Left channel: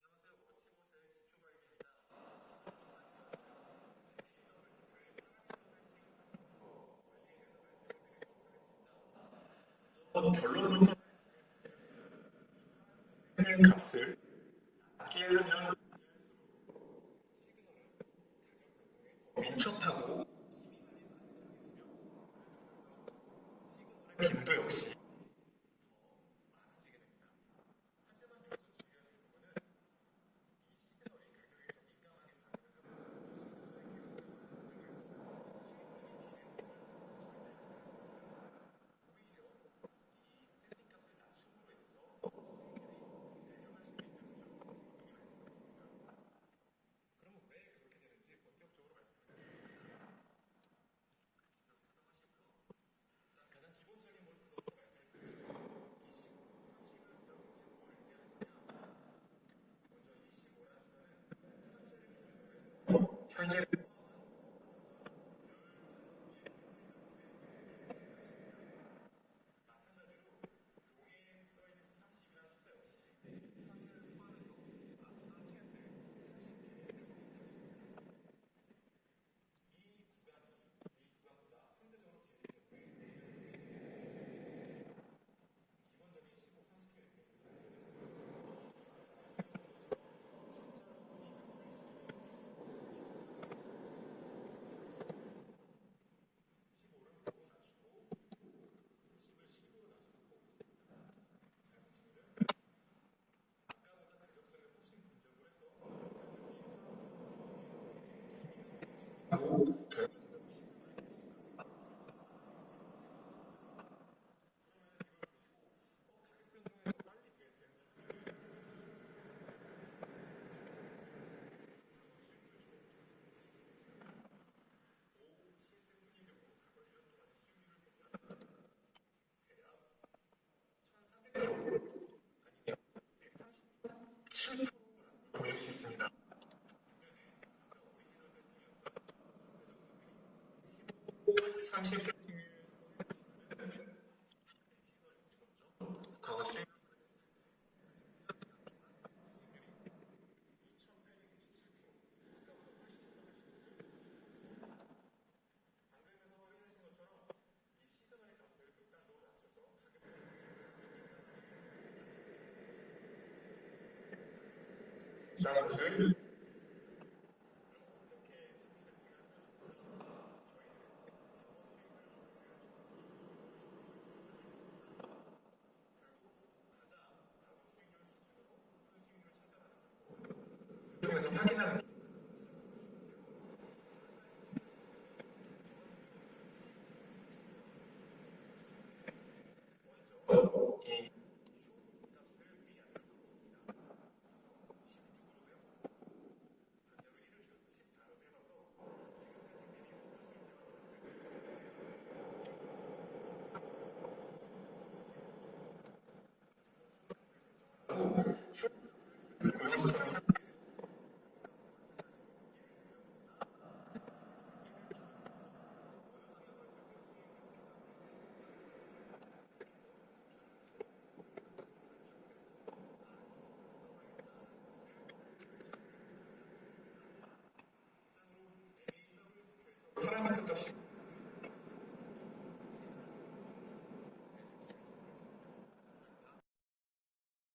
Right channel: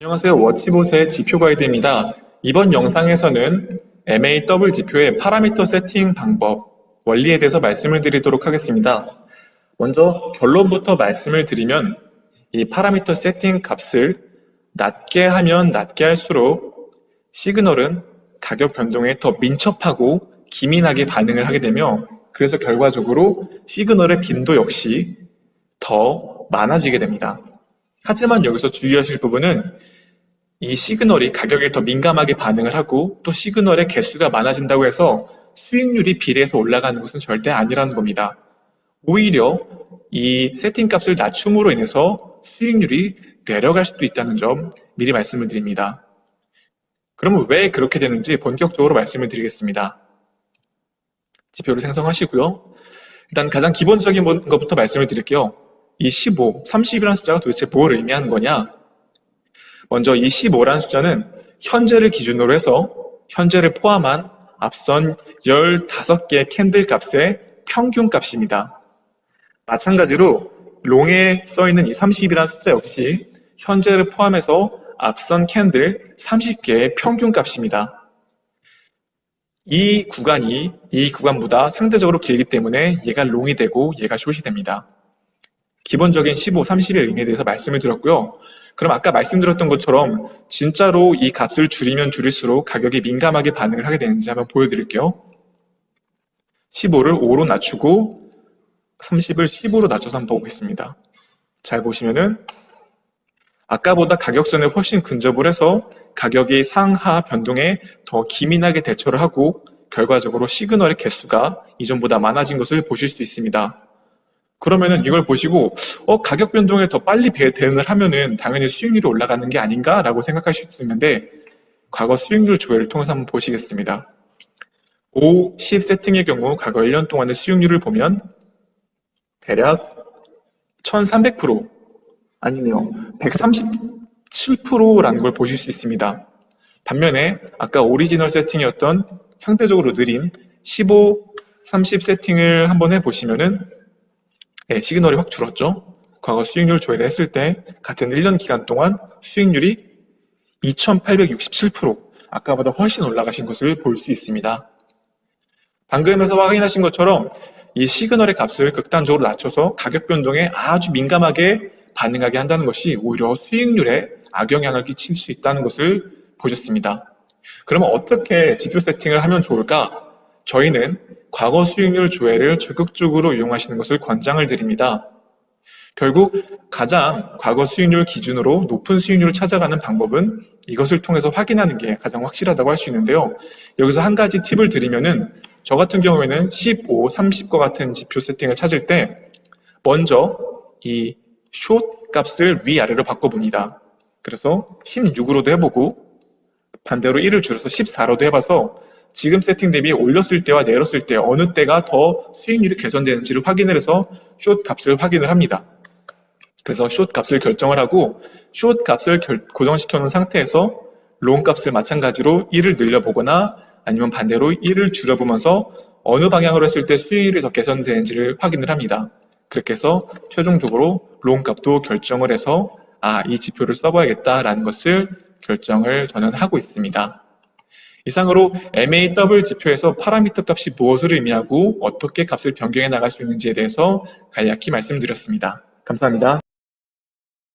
안녕하세요. 워치봇의 지표 가이드입니다. 이번 영상에서는 MAW 지표의 파라미터 세팅 방법, 원리에 대해서 말씀을 드리도록 하겠습니다. 먼저 결론부터 말씀을 드리면 이 파라미터 세팅 값을 낮게 하면 낮게 할수록 시그널은 가격 변동에 더 민첩하고 기민하게 반응을 하게 되며 그래서 결과적으로 시그널의 빈도 역시 더 많아지게 됩니다. 하지만 여기서 주의하실 부분은 이 시그널이 가격에 더 민감하게 반응을 하고 또 시그널의 개수가 많아진다고 해서 수익률이 비례해서 올라가는 것은 절대 아니라는 겁니다. 오히려 이 세팅값을 낮춤으로 인해서 수익률이 내려갈 수도 있다는 점 미리 말씀을 드립니다. 그러면 왜 그렇게 되는지 본격적으로 말씀을 드리겠습니다. 지표를 생성하시고요. 일단 가장 기본적인 것부터 말씀을 드릴게요. 이 15, 30이라는 숫자가 도대체 뭘 의미하는 거냐? 먼저 이 15라는 숫자는 현재를 기준으로 해서 현재를 포함한 앞선 15개의 캔들 값의 평균 값입니다. 마찬가지로 롱에 써있는 이 30이라는 숫자 역시 현재를 포함해서 앞선 캔들 30개의 평균 값입니다. 이 구간보다 상대적으로 길기 때문에 얘가 롱이 되고 얘가 숏이 됩니다. 기본적인 15, 30의 의미에 대해서 말씀을 드렸고요. 그럼 아까 말씀드렸던 것처럼 진짜로 이 값을 줄이면 줄일수록 가격이 민감하게 반응을 하게 되는지 한번 보여드릴게요. 15를 5로 낮추고 30을 10으로 낮춰서 한번 보겠습니다. 잘 보시면은 아까보다 가격선에 훨씬 근접을 해서 가격이 상하 변동에 더 기민하게 대처를 하고 결과적으로 시그널의 개수가 이전보다 많아진 것을 보실 수 있습니다. 그러면은 이걸 보시고 가격 변동에 더 빨리 대응을 하면은 당연히 수익률이 올라가는 게 아닌가라고 생각하실 수 있는데 과거 수익률 조회를 통해서 한번 보시겠습니다. 5, 10 세팅의 경우 과거 1년 동안의 수익률을 보면 대략 1300% 아니네요. 137%라는 걸 보실 수 있습니다. 반면에 아까 오리지널 세팅이었던 상대적으로 느린 15, 30 세팅을 한번 해보시면은 시그널이 확 줄었죠. 과거 수익률 조회를 했을 때 같은 1년 기간 동안 수익률이 2867%, 아까보다 훨씬 올라가신 것을 볼 수 있습니다. 방금에서 확인하신 것처럼 이 시그널의 값을 극단적으로 낮춰서 가격 변동에 아주 민감하게 반응하게 한다는 것이 오히려 수익률에 악영향을 끼칠 수 있다는 것을 보셨습니다. 그러면 어떻게 지표 세팅을 하면 좋을까? 저희는 과거 수익률 조회를 적극적으로 이용하시는 것을 권장을 드립니다. 결국 가장 과거 수익률 기준으로 높은 수익률을 찾아가는 방법은 이것을 통해서 확인하는 게 가장 확실하다고 할 수 있는데요. 여기서 한 가지 팁을 드리면은 저 같은 경우에는 15, 30과 같은 지표 세팅을 찾을 때 먼저 이 숏 값을 위아래로 바꿔봅니다. 그래서 16으로도 해보고 반대로 1을 줄여서 14로도 해봐서 지금 세팅 대비 올렸을 때와 내렸을 때 어느 때가 더 수익률이 개선되는지를 확인을 해서 숏 값을 확인을 합니다. 그래서 숏 값을 결정을 하고 숏 값을 고정시켜 놓은 상태에서 롱 값을 마찬가지로 1을 늘려보거나 아니면 반대로 1을 줄여보면서 어느 방향으로 했을 때 수익률이 더 개선되는지를 확인을 합니다. 그렇게 해서 최종적으로 롱 값도 결정을 해서 이 지표를 써봐야겠다라는 것을 결정을 저는 하고 있습니다. 이상으로 MAW 지표에서 파라미터 값이 무엇을 의미하고 어떻게 값을 변경해 나갈 수 있는지에 대해서 간략히 말씀드렸습니다. 감사합니다.